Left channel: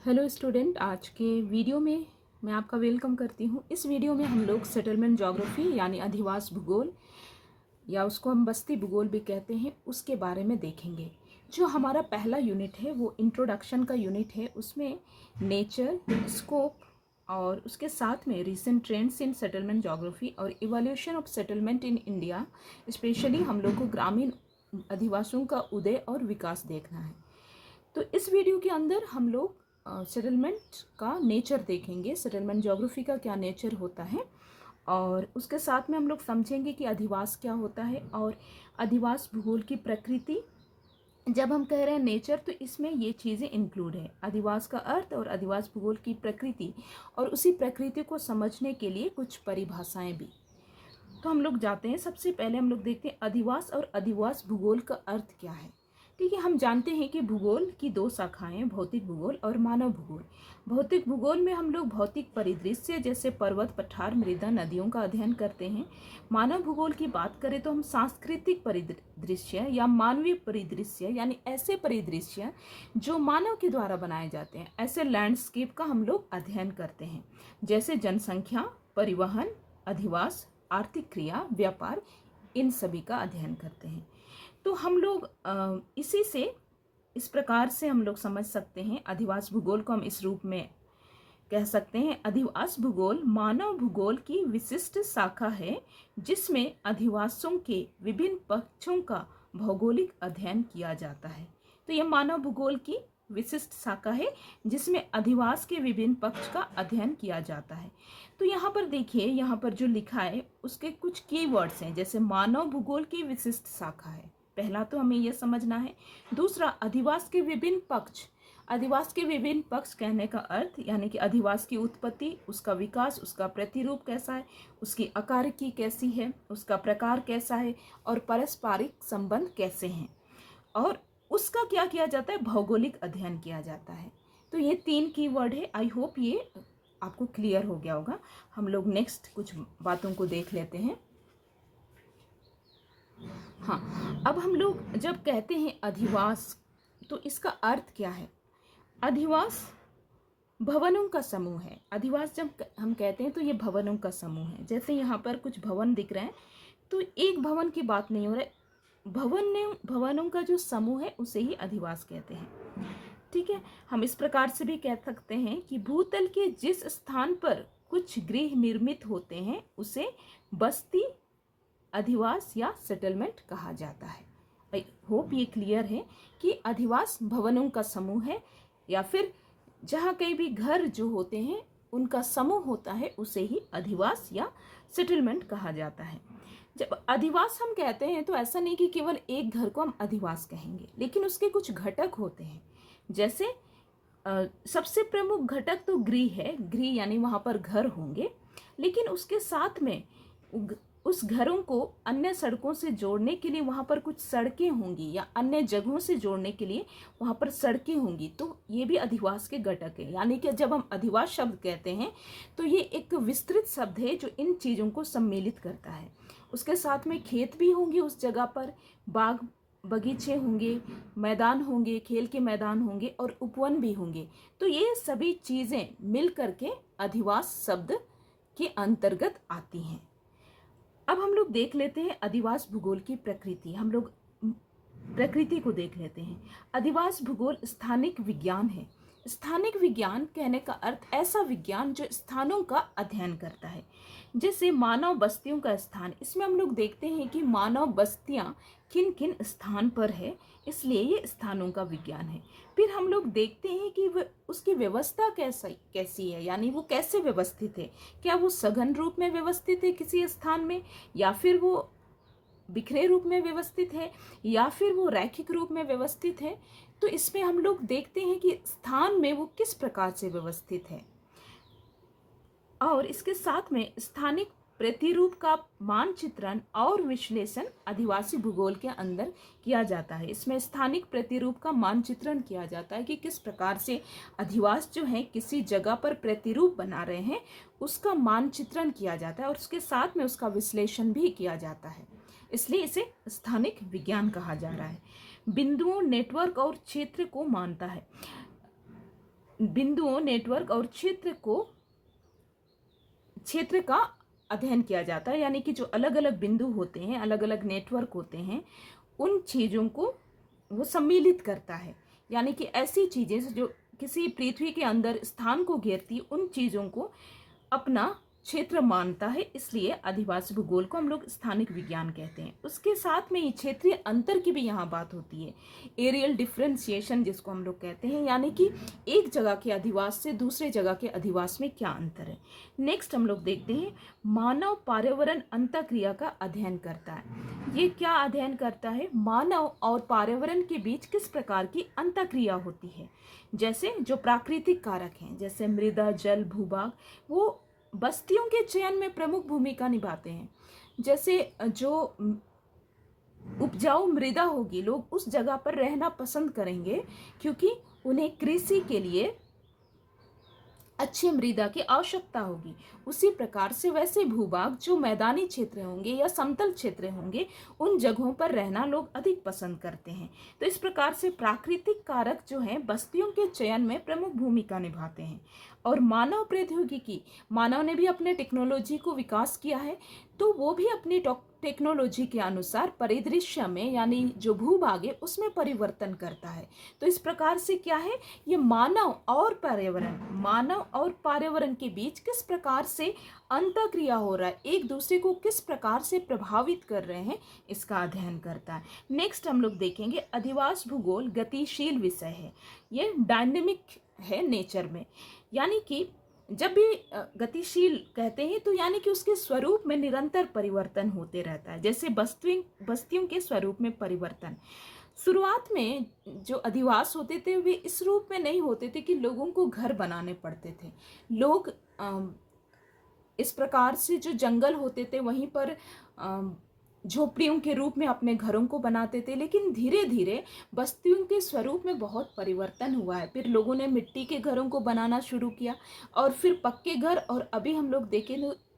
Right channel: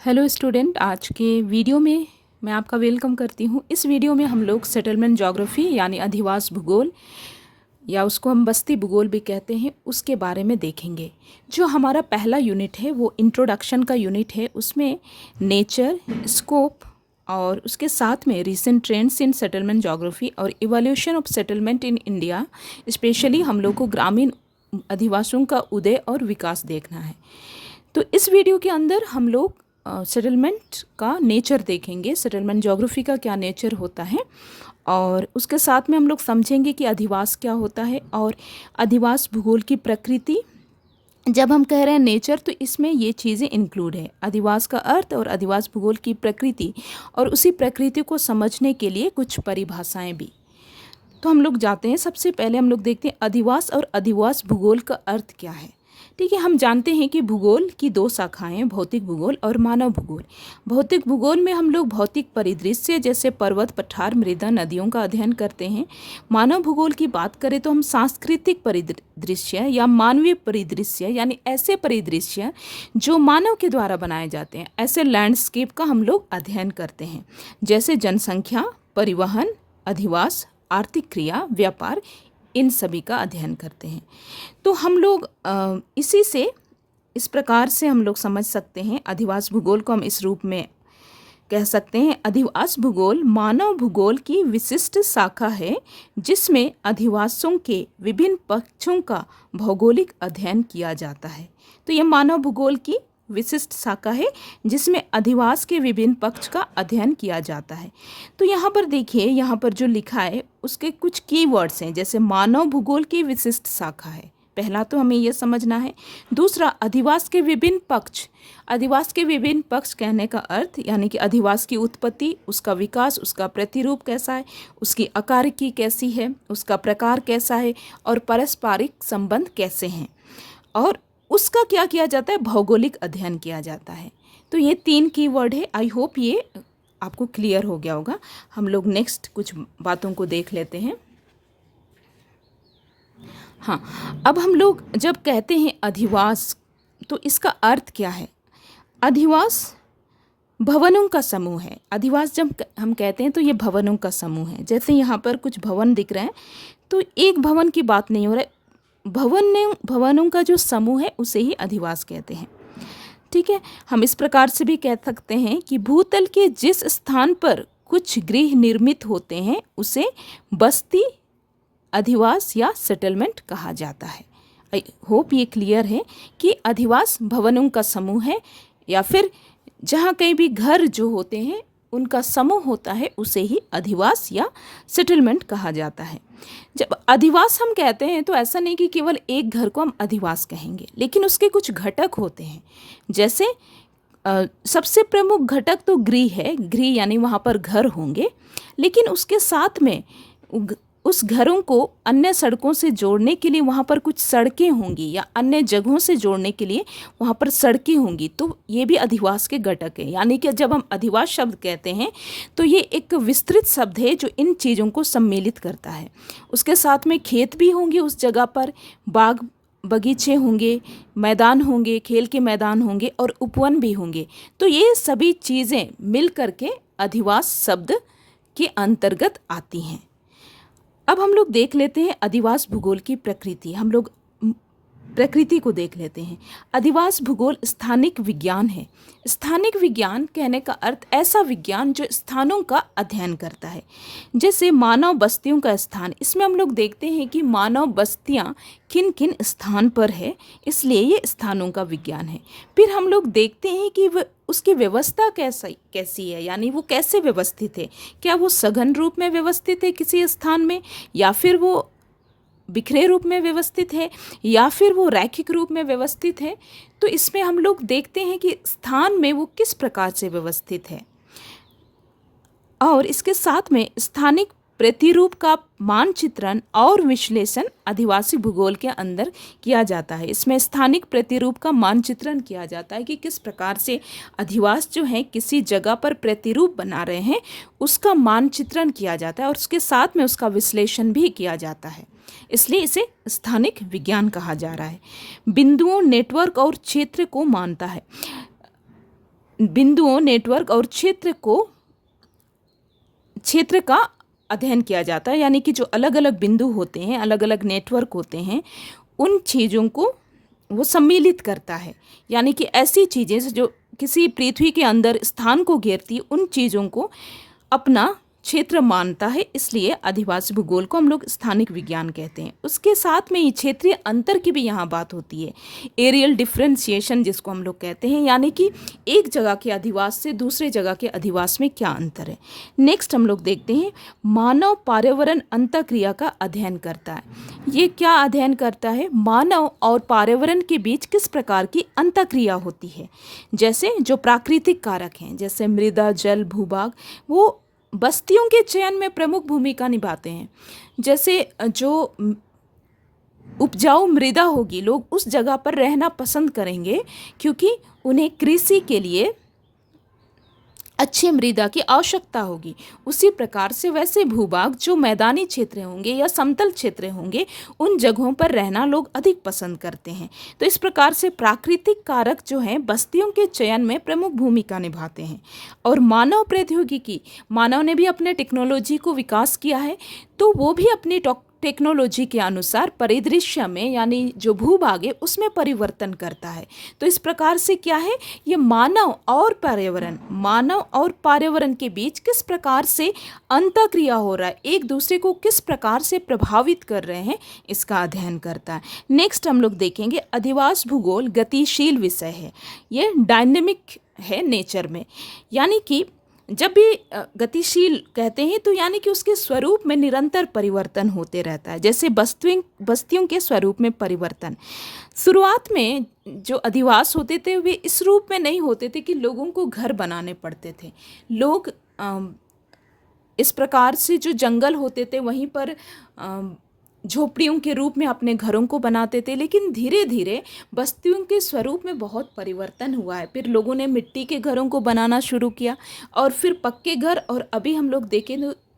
Hello student, आज के video में मैं आपका वेलकम करती हूँ। इस वीडियो में हम लोग सेटलमेंट ज्योग्राफी यानी अधिवास भूगोल या उसको हम बस्ती भूगोल भी कहते हैं, उसके बारे में देखेंगे। जो हमारा पहला यूनिट है वो इंट्रोडक्शन का यूनिट है। उसमें नेचर, स्कोप और उसके साथ में recent trends in settlement geography और evolution of settlement in India, specially हम लोग को ग्रामीण अधिवासियों का उदय और विकास देखना है। तो इस वीडियो के अंदर हम लोग सेटलमेंट का नेचर देखेंगे, सेटलमेंट ज्योग्राफी का क्या नेचर होता है, और उसके साथ में हम लोग समझेंगे कि अधिवास क्या होता है और अधिवास भूगोल की प्रकृति। जब हम कह रहे हैं नेचर तो इसमें ये चीज़ें इंक्लूड है, अधिवास का अर्थ और अधिवास भूगोल की प्रकृति, और उसी प्रकृति को समझने के लिए कुछ परिभाषाएं भी। तो हम लोग जाते हैं, सबसे पहले हम लोग देखते हैं अधिवास और अधिवास भूगोल का अर्थ क्या है। ठीक है, हम जानते हैं कि भूगोल की दो शाखाएं, भौतिक भूगोल और मानव भूगोल। भौतिक भूगोल में हम लोग भौतिक परिदृश्य जैसे पर्वत, पठार, मृदा, नदियों का अध्ययन करते हैं। मानव भूगोल की बात करें तो हम सांस्कृतिक परिदृश्य या मानवीय परिदृश्य यानी ऐसे परिदृश्य जो मानव के द्वारा बनाए जाते हैं, ऐसे लैंडस्केप का हम लोग अध्ययन करते हैं, जैसे जनसंख्या, परिवहन, अधिवास, आर्थिक क्रिया, व्यापार, इन सभी का अध्ययन करते हैं। तो हम लोग इसी से इस प्रकार से हम लोग समझ सकते हैं अधिवास भूगोल को। हम इस रूप में कह सकते हैं, अधिवास भूगोल मानव भूगोल की विशिष्ट शाखा है जिसमें अधिवासों के विभिन्न पक्षों का भौगोलिक अध्ययन किया जाता है। तो ये मानव भूगोल की विशिष्ट शाखा है जिसमें अधिवास के विभिन्न पक्ष का अध्ययन किया जाता है। तो यहाँ पर देखिए, यहाँ पर जो लिखा है उसके कुछ कीवर्ड्स हैं, जैसे मानव भूगोल की विशिष्ट शाखा है, पहला तो हमें यह समझना है। दूसरा, अधिवास के विभिन्न पक्ष। अधिवास के विभिन्न पक्ष कहने का अर्थ यानी कि अधिवास की उत्पत्ति, उसका विकास, उसका प्रतिरूप कैसा है, उसकी आकारिकी कैसी है, उसका प्रकार कैसा है और पारस्परिक संबंध कैसे हैं, और उसका क्या किया जाता है, भौगोलिक अध्ययन किया जाता है। तो ये तीन कीवर्ड है। आई होप ये आपको क्लियर हो गया होगा। हम लोग नेक्स्ट कुछ बातों को देख लेते हैं। हाँ, अब हम लोग जब कहते हैं अधिवास तो इसका अर्थ क्या है। अधिवास भवनों का समूह है। अधिवास जब हम कहते हैं तो ये भवनों का समूह है। जैसे यहाँ पर कुछ भवन दिख रहे हैं, तो एक भवन की बात नहीं हो रहा है, भवनों का जो समूह है उसे ही अधिवास कहते हैं। ठीक है, हम इस प्रकार से भी कह सकते हैं कि भूतल के जिस स्थान पर कुछ गृह निर्मित होते हैं उसे बस्ती, अधिवास या सेटलमेंट कहा जाता है। आई होप ये क्लियर है कि अधिवास भवनों का समूह है, या फिर जहाँ कहीं भी घर जो होते हैं उनका समूह होता है उसे ही अधिवास या सेटलमेंट कहा जाता है। जब अधिवास हम कहते हैं तो ऐसा नहीं कि केवल एक घर को हम अधिवास कहेंगे, लेकिन उसके कुछ घटक होते हैं। जैसे सबसे प्रमुख घटक तो गृह है, गृह यानी वहाँ पर घर होंगे, लेकिन उसके साथ में उस घरों को अन्य सड़कों से जोड़ने के लिए वहाँ पर कुछ सड़कें होंगी, या अन्य जगहों से जोड़ने के लिए वहाँ पर सड़कें होंगी। तो ये भी अधिवास के घटक है। यानी कि जब हम अधिवास शब्द कहते हैं तो ये एक विस्तृत शब्द है जो इन चीज़ों को सम्मिलित करता है। उसके साथ में खेत भी होंगे उस जगह पर, बाग बगीचे होंगे, मैदान होंगे, खेल के मैदान होंगे और उपवन भी होंगे। तो ये सभी चीज़ें मिल करके अधिवास शब्द के अंतर्गत आती हैं। अब हम लोग देख लेते हैं अधिवास भूगोल की प्रकृति। हम लोग प्रकृति को देख लेते हैं। अधिवास भूगोल स्थानिक विज्ञान है। स्थानिक विज्ञान कहने का अर्थ ऐसा विज्ञान जो स्थानों का अध्ययन करता है। जैसे मानव बस्तियों का स्थान, इसमें हम लोग देखते हैं कि मानव बस्तियां किन किन स्थान पर है, इसलिए ये स्थानों का विज्ञान है। फिर हम लोग देखते हैं कि उसकी व्यवस्था कैसी है, यानी वो कैसे व्यवस्थित है। क्या वो सघन रूप में व्यवस्थित है किसी स्थान में, या फिर वो बिखरे रूप में व्यवस्थित है, या फिर वो रैखिक रूप में व्यवस्थित है। तो इसमें हम लोग देखते हैं कि स्थान में वो किस प्रकार से व्यवस्थित है, और इसके साथ में स्थानिक प्रतिरूप का मानचित्रण और विश्लेषण अधिवासी भूगोल के अंदर किया जाता है। इसमें स्थानिक प्रतिरूप का मानचित्रण किया जाता है कि किस प्रकार से अधिवास जो है किसी जगह पर प्रतिरूप बना रहे हैं, उसका मानचित्रण किया जाता है और उसके साथ में उसका विश्लेषण भी किया जाता है। इसलिए इसे स्थानिक विज्ञान कहा जा रहा है। बिंदुओं, नेटवर्क और क्षेत्र को मानता है। बिंदुओं, नेटवर्क और क्षेत्र का अध्ययन किया जाता है। यानी कि जो अलग अलग बिंदु होते हैं, अलग अलग नेटवर्क होते हैं, उन चीज़ों को वो सम्मिलित करता है। यानी कि ऐसी चीज़ें जो किसी पृथ्वी के अंदर स्थान को घेरती, उन चीज़ों को अपना क्षेत्र मानता है। इसलिए अधिवासी भूगोल को हम लोग स्थानिक विज्ञान कहते हैं। उसके साथ में ही क्षेत्रीय अंतर की भी यहाँ बात होती है, एरियल डिफ्रेंसिएशन जिसको हम लोग कहते हैं। यानी कि एक जगह के अधिवास से दूसरे जगह के अधिवास में क्या अंतर है। नेक्स्ट हम लोग देखते हैं, मानव पर्यावरण अंतःक्रिया का अध्ययन करता है। ये क्या अध्ययन करता है? मानव और पर्यावरण के बीच किस प्रकार की अंतःक्रिया होती है। जैसे जो प्राकृतिक कारक हैं, जैसे मृदा, जल, भूभाग, वो बस्तियों के चयन में प्रमुख भूमिका निभाते हैं। जैसे जो उपजाऊ मृदा होगी, लोग उस जगह पर रहना पसंद करेंगे क्योंकि उन्हें कृषि के लिए अच्छी मृदा की आवश्यकता होगी। उसी प्रकार से वैसे भूभाग जो मैदानी क्षेत्र होंगे या समतल क्षेत्र होंगे, उन जगहों पर रहना लोग अधिक पसंद करते हैं। तो इस प्रकार से प्राकृतिक कारक जो हैं बस्तियों के चयन में प्रमुख भूमिका निभाते हैं। और मानव प्रौद्योगिकी, मानव ने भी अपने टेक्नोलॉजी को विकास किया है, तो वो भी अपनी टेक्नोलॉजी के अनुसार परिदृश्य में, यानी जो भूभाग है उसमें परिवर्तन करता है। तो इस प्रकार से क्या है, ये मानव और पर्यावरण के बीच किस प्रकार से अंतःक्रिया हो रहा है, एक दूसरे को किस प्रकार से प्रभावित कर रहे हैं, इसका अध्ययन करता है। नेक्स्ट हम लोग देखेंगे, अधिवास भूगोल गतिशील विषय है। ये डायनेमिक है नेचर में। यानी कि जब भी गतिशील कहते हैं तो यानी कि उसके स्वरूप में निरंतर परिवर्तन होते रहता है। जैसे बस्तियों के स्वरूप में परिवर्तन, शुरुआत में जो अधिवास होते थे वे इस रूप में नहीं होते थे कि लोगों को घर बनाने पड़ते थे। लोग इस प्रकार से जो जंगल होते थे वहीं पर झोपड़ियों के रूप में अपने घरों को बनाते थे। लेकिन धीरे धीरे बस्तियों के स्वरूप में बहुत परिवर्तन हुआ है। फिर लोगों ने मिट्टी के घरों को बनाना शुरू किया और फिर पक्के घर, और अभी हम लोग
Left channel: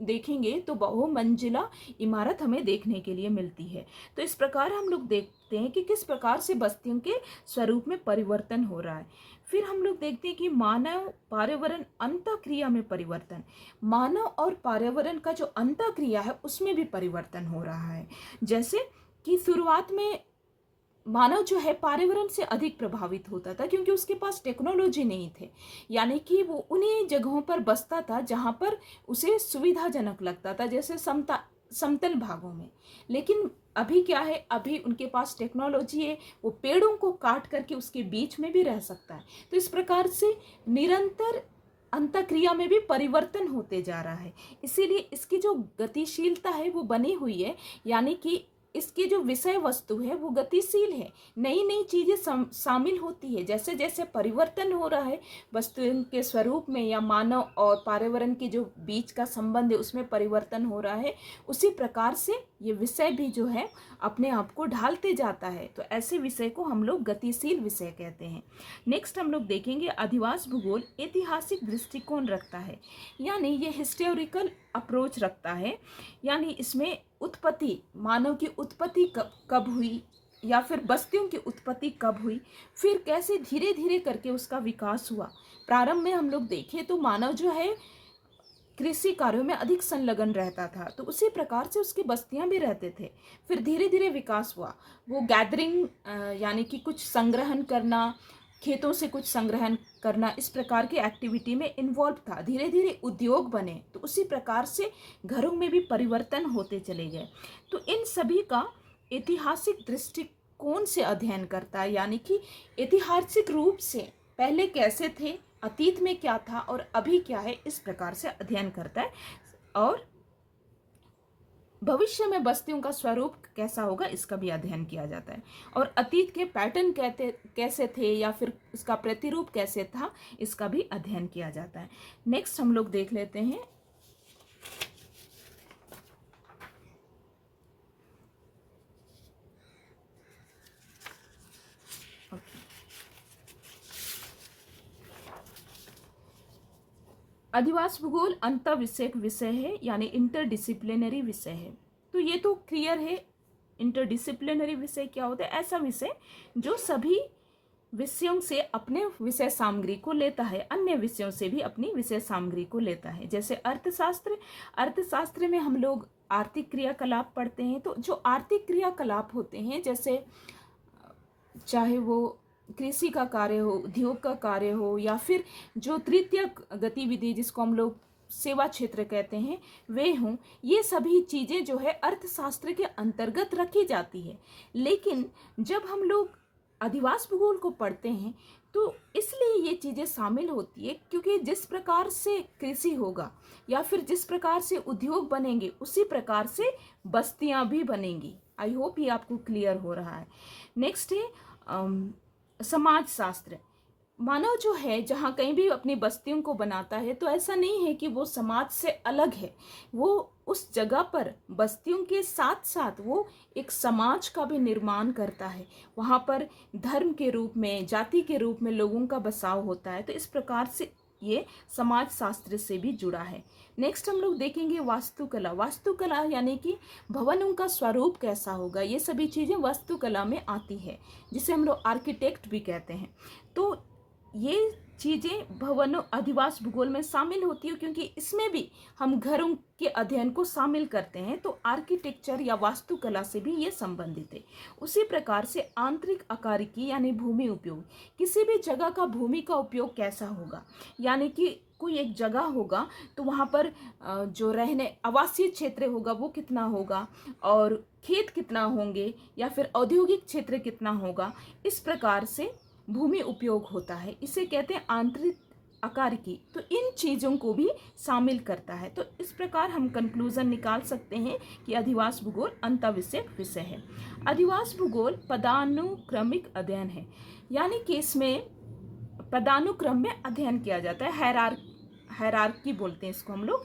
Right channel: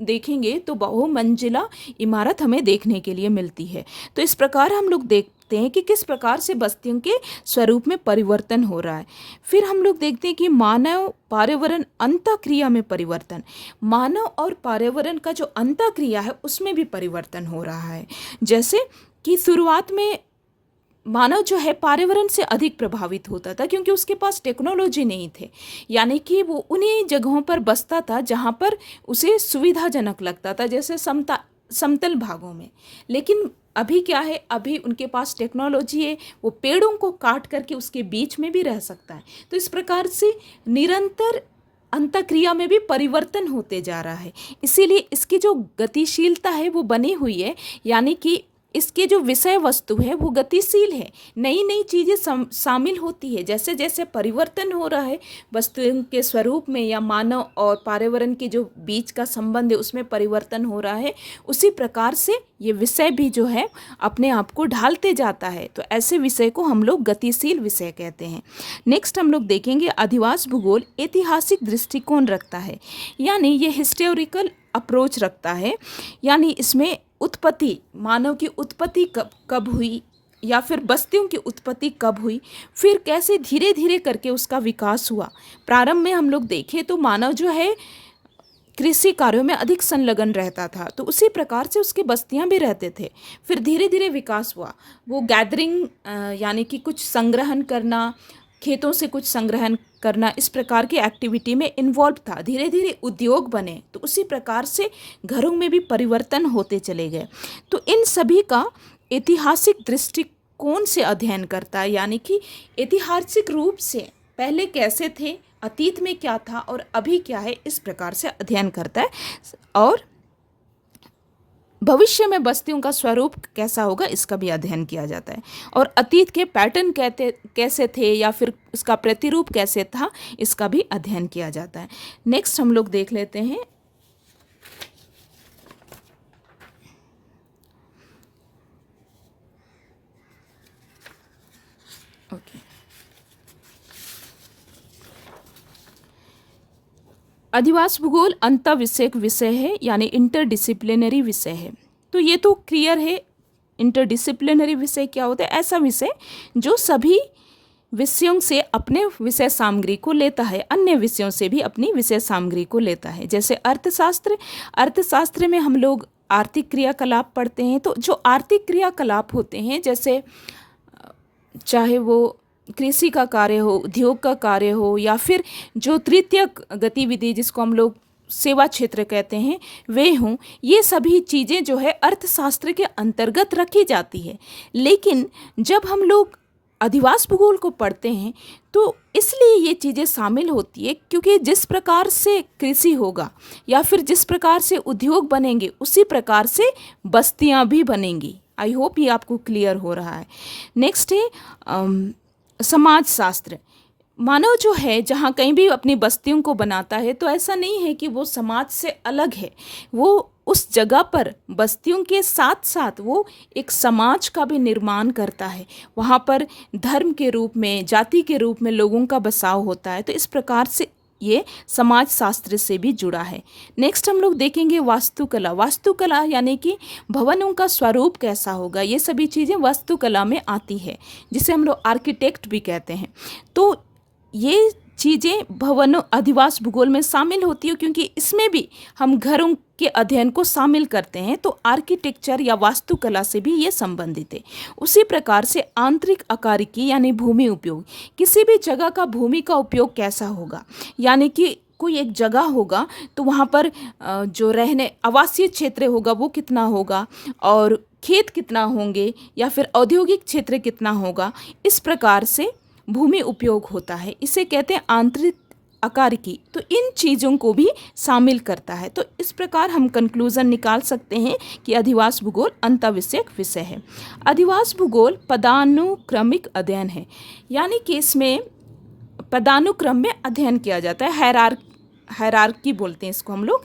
देखेंगे तो बहुमंजिला इमारत हमें देखने के लिए मिलती है। तो इस प्रकार हम लोग देखते हैं कि किस प्रकार से बस्तियों के स्वरूप में परिवर्तन हो रहा है। फिर हम लोग देखते हैं कि मानव पर्यावरण अंतःक्रिया में परिवर्तन, मानव और पर्यावरण का जो अंतःक्रिया है उसमें भी परिवर्तन हो रहा है। जैसे कि शुरुआत में मानव जो है पर्यावरण से अधिक प्रभावित होता था क्योंकि उसके पास टेक्नोलॉजी नहीं थे। यानी कि वो उन्हीं जगहों पर बसता था जहाँ पर उसे सुविधाजनक लगता था, जैसे समतल भागों में। लेकिन अभी क्या है, अभी उनके पास टेक्नोलॉजी है, वो पेड़ों को काट करके उसके बीच में भी रह सकता है। तो इस प्रकार से निरंतर अंतःक्रिया में भी परिवर्तन होते जा रहा है। इसीलिए इसकी जो गतिशीलता है वो बनी हुई है। यानी कि इसके जो विषय वस्तु है वो गतिशील है, नई नई चीज़ें शामिल होती है। जैसे जैसे परिवर्तन हो रहा है वस्तुओं के स्वरूप में या मानव और पर्यावरण के जो बीच का संबंध है उसमें परिवर्तन हो रहा है, उसी प्रकार से ये विषय भी जो है अपने आप को ढालते जाता है। तो ऐसे विषय को हम लोग गतिशील विषय कहते हैं। नेक्स्ट हम लोग देखेंगे, अधिवास भूगोल ऐतिहासिक दृष्टिकोण रखता है। यानी ये हिस्टोरिकल अप्रोच रखता है। यानी इसमें उत्पत्ति, मानव की उत्पत्ति कब हुई या फिर बस्तियों की उत्पत्ति कब हुई, फिर कैसे धीरे धीरे करके उसका विकास हुआ। प्रारंभ में हम लोग देखें तो मानव जो है कृषि कार्यों में अधिक संलग्न रहता था, तो उसी प्रकार से उसकी बस्तियां भी रहते थे। फिर धीरे धीरे विकास हुआ, वो गैदरिंग यानी कि कुछ संग्रहण करना, खेतों से कुछ संग्रहण करना, इस प्रकार की एक्टिविटी में इन्वॉल्व था। धीरे धीरे उद्योग बने, तो उसी प्रकार से घरों में भी परिवर्तन होते चले गए। तो इन सभी का ऐतिहासिक दृष्टिकोण से अध्ययन करता है। यानी कि ऐतिहासिक रूप से पहले कैसे थे, अतीत में क्या था और अभी क्या है, इस प्रकार से अध्ययन करता है। और भविष्य में बस्तियों का स्वरूप कैसा होगा इसका भी अध्ययन किया जाता है। और अतीत के पैटर्न कैसे थे या फिर उसका प्रतिरूप कैसे था, इसका भी अध्ययन किया जाता है। नेक्स्ट हम लोग देख लेते हैं, अधिवास भूगोल अंतःविषयक विषय है, यानी इंटरडिसिप्लिनरी विषय है। तो ये तो क्लियर है, इंटरडिसिप्लिनरी विषय क्या होता है, ऐसा विषय जो सभी विषयों से अपने विषय सामग्री को लेता है, अन्य विषयों से भी अपनी विषय सामग्री को लेता है। जैसे अर्थशास्त्र में हम लोग आर्थिक क्रियाकलाप पढ़ते हैं। तो जो आर्थिक क्रियाकलाप होते हैं, जैसे चाहे वो कृषि का कार्य हो, उद्योग का कार्य हो, या फिर जो तृतीयक गतिविधि जिसको हम लोग सेवा क्षेत्र कहते हैं वे हों, ये सभी चीज़ें जो है अर्थशास्त्र के अंतर्गत रखी जाती है। लेकिन जब हम लोग अधिवास भूगोल को पढ़ते हैं तो इसलिए ये चीज़ें शामिल होती है क्योंकि जिस प्रकार से कृषि होगा या फिर जिस प्रकार से उद्योग बनेंगे उसी प्रकार से बस्तियां भी बनेंगी। आई होप ये आपको क्लियर हो रहा है। नेक्स्ट है समाजशास्त्र। मानव जो है जहाँ कहीं भी अपनी बस्तियों को बनाता है तो ऐसा नहीं है कि वो समाज से अलग है, वो उस जगह पर बस्तियों के साथ साथ वो एक समाज का भी निर्माण करता है। वहाँ पर धर्म के रूप में, जाति के रूप में लोगों का बसाव होता है। तो इस प्रकार से ये समाज शास्त्र से भी जुड़ा है। नेक्स्ट हम लोग देखेंगे वास्तुकला। वास्तुकला यानी कि भवनों का स्वरूप कैसा होगा, ये सभी चीज़ें वास्तुकला में आती है, जिसे हम लोग आर्किटेक्ट भी कहते हैं। तो ये चीज़ें भवनों अधिवास भूगोल में शामिल होती है क्योंकि इसमें भी हम घरों के अध्ययन को शामिल करते हैं। तो आर्किटेक्चर या वास्तुकला से भी ये संबंधित है। उसी प्रकार से आंतरिक आकारिकी यानी भूमि उपयोग, किसी भी जगह का भूमि का उपयोग कैसा होगा, यानी कि कोई एक जगह होगा तो वहाँ पर जो रहने आवासीय क्षेत्र होगा वो कितना होगा और खेत कितना होंगे या फिर औद्योगिक क्षेत्र कितना होगा, इस प्रकार से भूमि उपयोग होता है। इसे कहते हैं आंतरिक आकारिकी। तो इन चीज़ों को भी शामिल करता है। तो इस प्रकार हम कंक्लूजन निकाल सकते हैं कि अधिवास भूगोल अंतःविषयक विषय है। अधिवास भूगोल पदानुक्रमिक अध्ययन है, यानी कि इसमें पदानुक्रम में अध्ययन किया जाता है। हायरार्की बोलते हैं इसको हम लोग।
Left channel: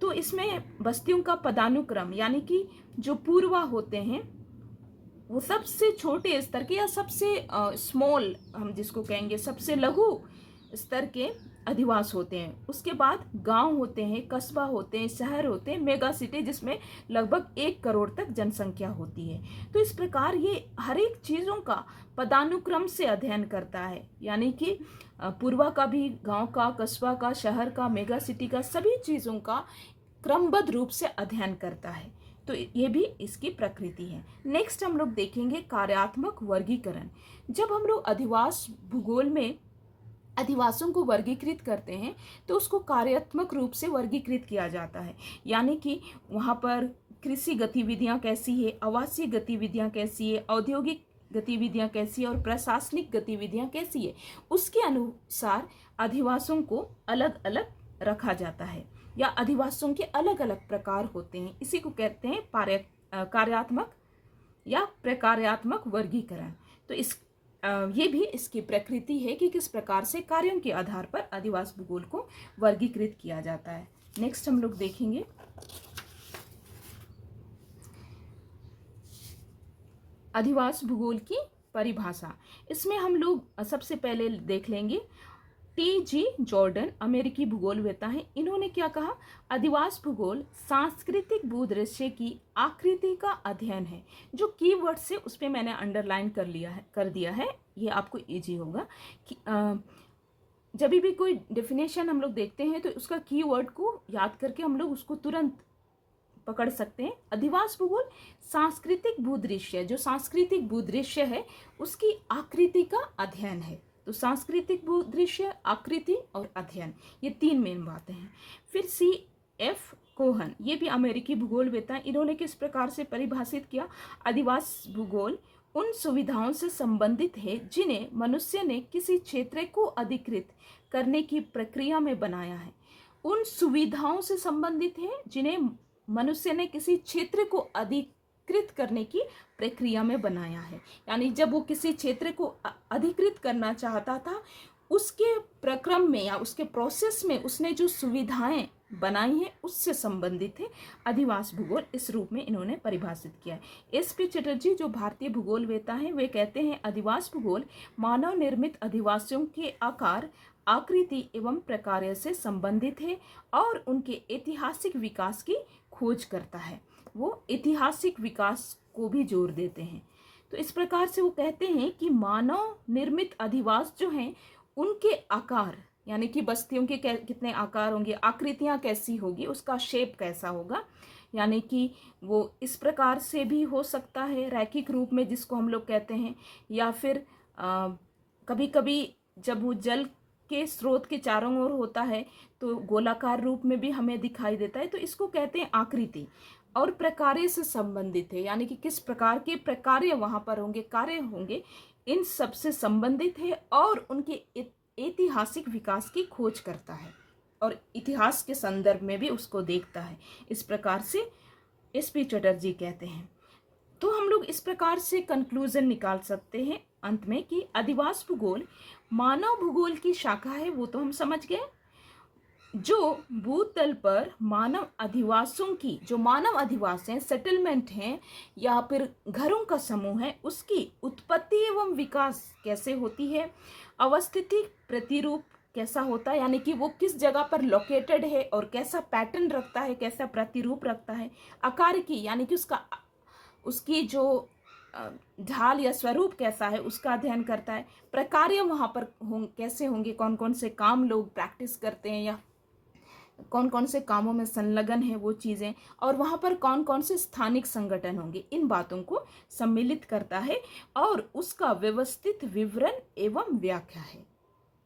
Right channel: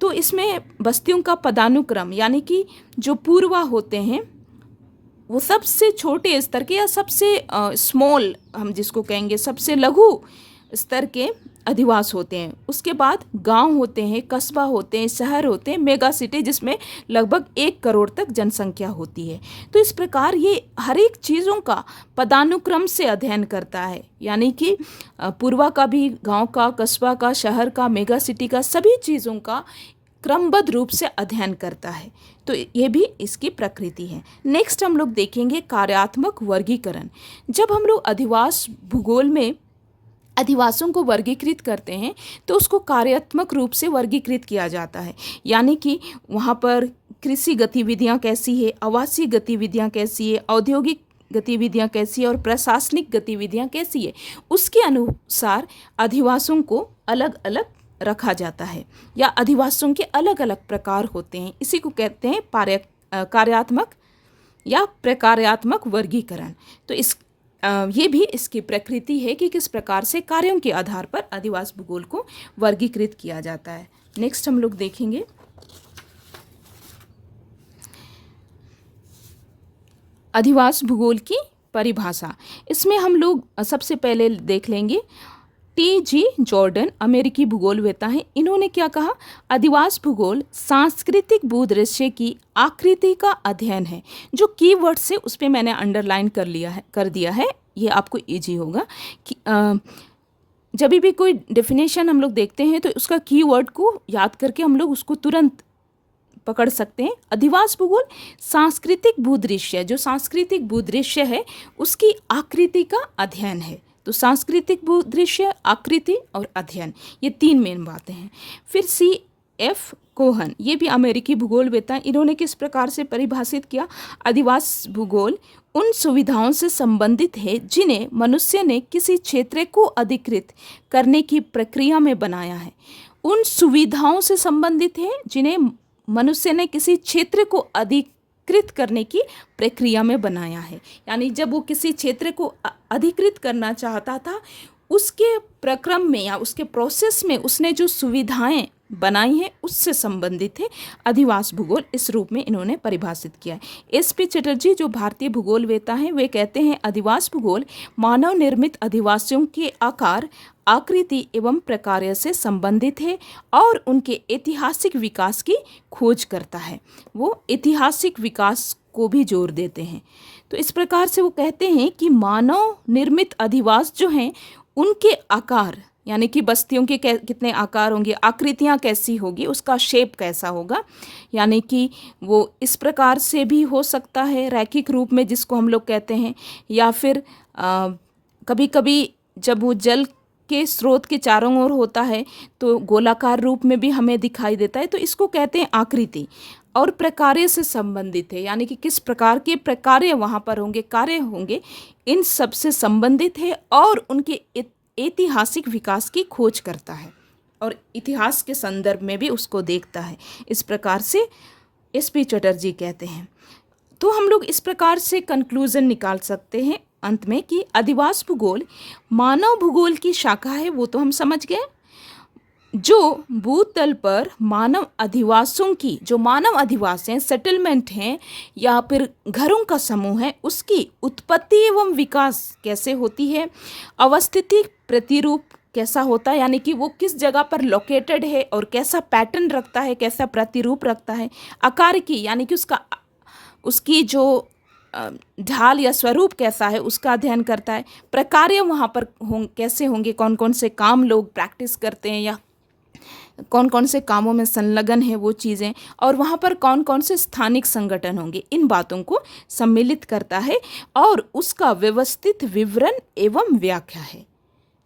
तो इसमें बस्तियों का पदानुक्रम यानी कि जो पूर्वा होते हैं वो सबसे छोटे स्तर के या सबसे स्मॉल, हम जिसको कहेंगे सबसे लघु स्तर के अधिवास होते हैं। उसके बाद गांव होते हैं, कस्बा होते हैं, शहर होते हैं, मेगा सिटी जिसमें लगभग 1 करोड़ तक जनसंख्या होती है। तो इस प्रकार ये हर एक चीज़ों का पदानुक्रम से अध्ययन करता है, यानी कि पूर्वा का भी, गांव का, कस्बा का, शहर का, मेगा सिटी का, सभी चीज़ों का क्रमबद्ध रूप से अध्ययन करता है। तो ये भी इसकी प्रकृति है। नेक्स्ट हम लोग देखेंगे कार्यात्मक वर्गीकरण। जब हम लोग अधिवास भूगोल में अधिवासों को वर्गीकृत करते हैं तो उसको कार्यात्मक रूप से वर्गीकृत किया जाता है, यानी कि वहाँ पर कृषि गतिविधियाँ कैसी है, आवासीय गतिविधियाँ कैसी है, औद्योगिक गतिविधियाँ कैसी है और प्रशासनिक गतिविधियाँ कैसी है, उसके अनुसार अधिवासों को अलग अलग रखा जाता है या अधिवासों के अलग अलग प्रकार होते हैं। इसी को कहते हैं कार्यात्मक या प्रकार्यात्मक वर्गीकरण। तो ये भी इसकी प्रकृति है कि किस प्रकार से कार्यों के आधार पर अधिवास भूगोल को वर्गीकृत किया जाता है। नेक्स्ट हम लोग देखेंगे अधिवास भूगोल की परिभाषा। इसमें हम लोग सबसे पहले देख लेंगे टी.जी. जॉर्डन, अमेरिकी भूगोलवेता हैं। इन्होंने क्या कहा, अधिवास भूगोल सांस्कृतिक भूदृश्य की आकृति का अध्ययन है। जो कीवर्ड से उस पर मैंने अंडरलाइन कर दिया है, ये आपको इजी होगा कि जब भी कोई डेफिनेशन हम लोग देखते हैं तो उसका कीवर्ड को याद करके हम लोग उसको तुरंत पकड़ सकते हैं। अधिवास भूगोल सांस्कृतिक भूदृश्य, जो सांस्कृतिक भूदृश्य है उसकी आकृति का अध्ययन है। तो सांस्कृतिक भूदृश्य, आकृति और अध्ययन, ये 3 मेन बातें हैं। फिर C.F. कोहन, ये भी अमेरिकी भूगोलवेता, इन्होंने किस प्रकार से परिभाषित किया, अधिवास भूगोल उन सुविधाओं से संबंधित है जिन्हें मनुष्य ने किसी क्षेत्र को अधिकृत करने की प्रक्रिया में बनाया है। उन सुविधाओं से संबंधित है जिन्हें मनुष्य ने किसी क्षेत्र को अधिकृत करने की प्रक्रिया में बनाया है, यानी जब वो किसी क्षेत्र को अधिकृत करना चाहता था उसके प्रक्रम में या उसके प्रोसेस में उसने जो सुविधाएं बनाई हैं उससे संबंधित है अधिवास भूगोल। इस रूप में इन्होंने परिभाषित किया है। S.P. चटर्जी जो भारतीय भूगोलवेता हैं वे कहते हैं अधिवास भूगोल मानव निर्मित अधिवासियों के आकार, आकृति एवं प्रकार से संबंधित है और उनके ऐतिहासिक विकास की खोज करता है। वो ऐतिहासिक विकास को भी जोर देते हैं। तो इस प्रकार से वो कहते हैं कि मानव निर्मित अधिवास जो हैं उनके आकार, यानी कि बस्तियों के कितने आकार होंगे, आकृतियाँ कैसी होगी, उसका शेप कैसा होगा, यानी कि वो इस प्रकार से भी हो सकता है रैखिक रूप में जिसको हम लोग कहते हैं, या फिर कभी कभी जब वो जल के स्रोत के चारों ओर होता है तो गोलाकार रूप में भी हमें दिखाई देता है। तो इसको कहते हैं आकृति। और प्रकार्य से संबंधित है, यानी कि किस प्रकार के प्रकार्य वहाँ पर होंगे, कार्य होंगे, इन सब से संबंधित है और उनके ऐतिहासिक विकास की खोज करता है और इतिहास के संदर्भ में भी उसको देखता है। इस प्रकार से एस.पी. चटर्जी कहते हैं। तो हम लोग इस प्रकार से कंक्लूजन निकाल सकते हैं अंत में कि अधिवास भूगोल मानव भूगोल की शाखा है, वो तो हम समझ गए, जो भूतल पर मानव अधिवासों की, जो मानव अधिवास हैं, सेटलमेंट हैं या फिर घरों का समूह है, उसकी उत्पत्ति एवं विकास कैसे होती है, अवस्थिति प्रतिरूप कैसा होता है, यानी कि वो किस जगह पर लोकेटेड है और कैसा पैटर्न रखता है, कैसा प्रतिरूप रखता है, आकार की, यानी कि उसकी जो ढाल या स्वरूप कैसा है उसका अध्ययन करता है, प्रकार्य वहाँ पर कैसे होंगे, कौन कौन से काम लोग प्रैक्टिस करते हैं या कौन कौन से कामों में संलग्न है वो चीज़ें, और वहाँ पर कौन कौन से स्थानिक संगठन होंगे, इन बातों को सम्मिलित करता है और उसका व्यवस्थित विवरण एवं व्याख्या है।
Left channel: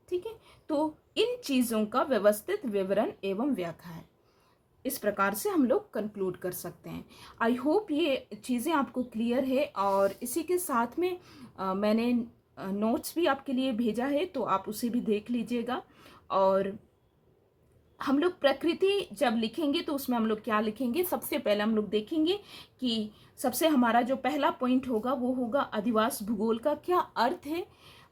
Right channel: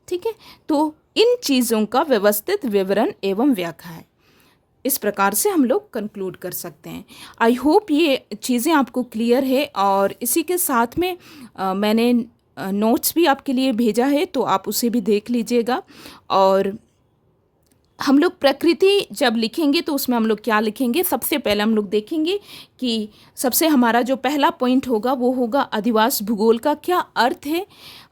ठीक है, तो इन चीज़ों का व्यवस्थित विवरण एवं व्याख्या है। इस प्रकार से हम लोग कंक्लूड कर सकते हैं। आई होप ये चीज़ें आपको क्लियर है, और इसी के साथ में मैंने नोट्स भी आपके लिए भेजा है, तो आप उसे भी देख लीजिएगा। और हम लोग प्रकृति जब लिखेंगे तो उसमें हम लोग क्या लिखेंगे, सबसे पहले हम लोग देखेंगे कि सबसे हमारा जो पहला पॉइंट होगा वो होगा अधिवास भूगोल का क्या अर्थ है,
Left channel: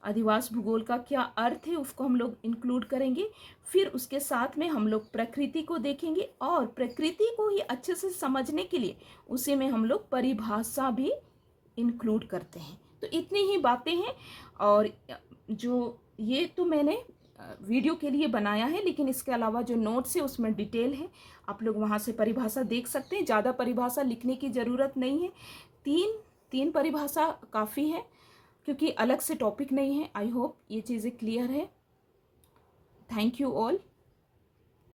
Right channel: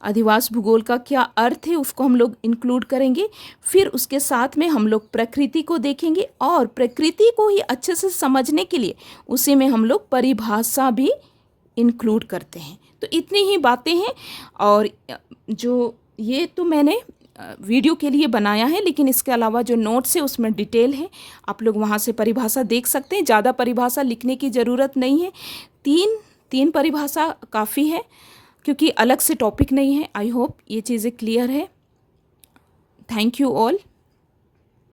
अधिवास भूगोल का क्या अर्थ है उसको हम लोग इंक्लूड करेंगे। फिर उसके साथ में हम लोग प्रकृति को देखेंगे, और प्रकृति को ही अच्छे से समझने के लिए उसी में हम लोग परिभाषा भी इंक्लूड करते हैं। तो इतनी ही बातें हैं, और जो ये तो मैंने वीडियो के लिए बनाया है, लेकिन इसके अलावा जो नोट्स है उसमें डिटेल है, आप लोग वहाँ से परिभाषा देख सकते हैं। ज़्यादा परिभाषा लिखने की ज़रूरत नहीं है, तीन परिभाषा काफ़ी है, क्योंकि अलग से टॉपिक नहीं है। आई होप ये चीज़ें क्लियर है। Thank you all.